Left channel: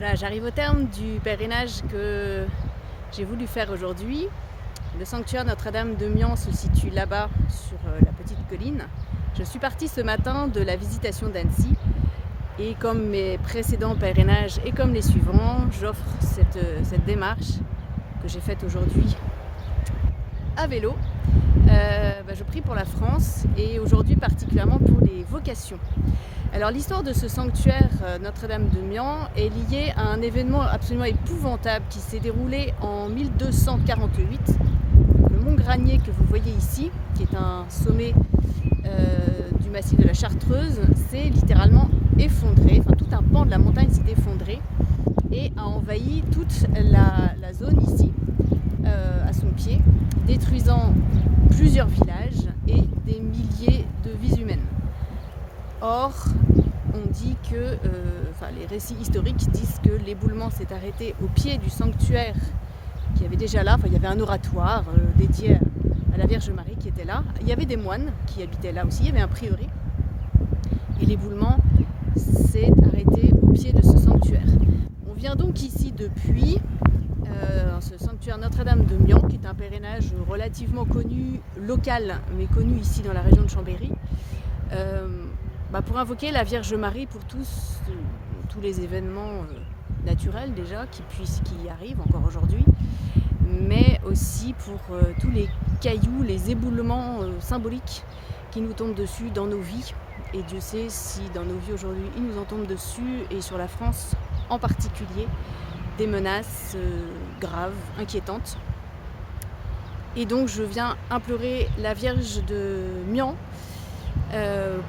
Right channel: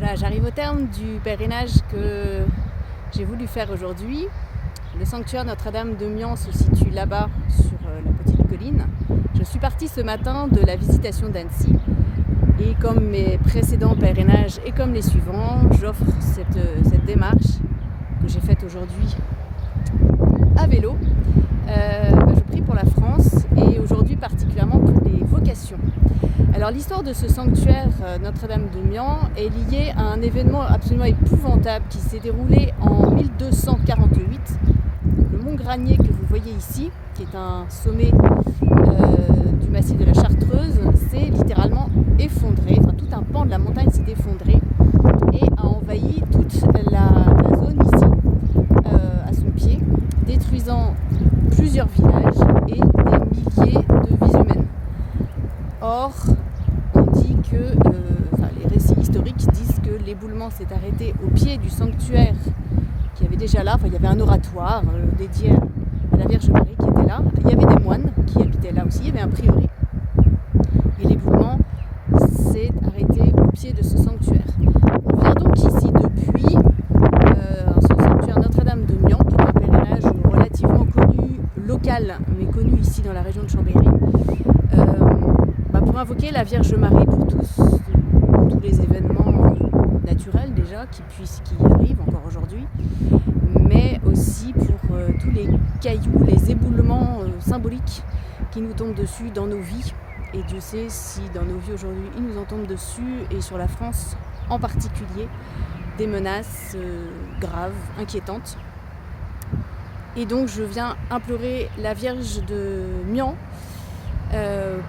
Voilà, j'arrive au terme du pèlerinage que j'ai voulu faire aujourd'hui. Le sanctuaire Notre-Dame de Mian se situe là-bas sur la petite colline. Je suis partie ce matin de la Visitation d'Annecy et comme mes précédents pèlerinages et comme les suivants, j'offre cette démarche que j'ai faite aujourd'hui à vélo. Je prie pour la France et aujourd'hui particulièrement pour les vocations. Alors l'histoire de ce sanctuaire Notre-Dame de Mian est liée à un événement absolument épouvantable qui s'est déroulé en 1248. Le mont Granier que vous voyez ici, qui est un sommet du massif de la Chartreuse, s'est littéralement effondré, enfin tout un pan de la montagne s'est effondré et a envahi toute la zone ici, à son pied, détruisant plusieurs villages et des milliers de vies humaines. Or, on dit que, les récits historiques disent que l'éboulement s'est arrêté au pied du sanctuaire qui avait déjà là. Il y avait un oratoire dédié à la Vierge Marie qui était là. Il y avait des moines qui habitaient là aussi. Il y avait un prieuré. Et l'éboulement s'est arrêté au pied de ce sanctuaire. On vient donc ici depuis ce sanctuaire Notre-Dame de Mian, qui est un pèlerinage relativement connu, local, mais connu ici dans la région de Chambéry. Pour invoquer la Vierge Marie pour tous les événements naturels déjà qui arrivent encore aujourd'hui, mais aussi pour tous les cailloux, les éboulements symboliques qui nous tombent dessus dans nos vies. Et Dieu sait si dans nos vies aujourd'hui, il nous en tombe dessus, et sur la France en particulier, des menaces graves, inquiétantes. Et donc je viens implorer la Vierge de Mian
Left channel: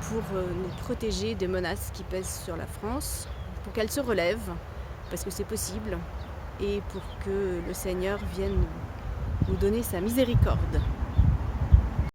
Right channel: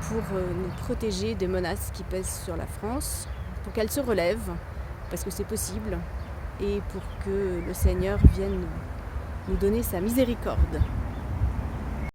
pour nous protéger des menaces qui pèsent sur la France, pour qu'elle se relève, parce que c'est possible, et pour que le Seigneur vienne nous donner sa miséricorde.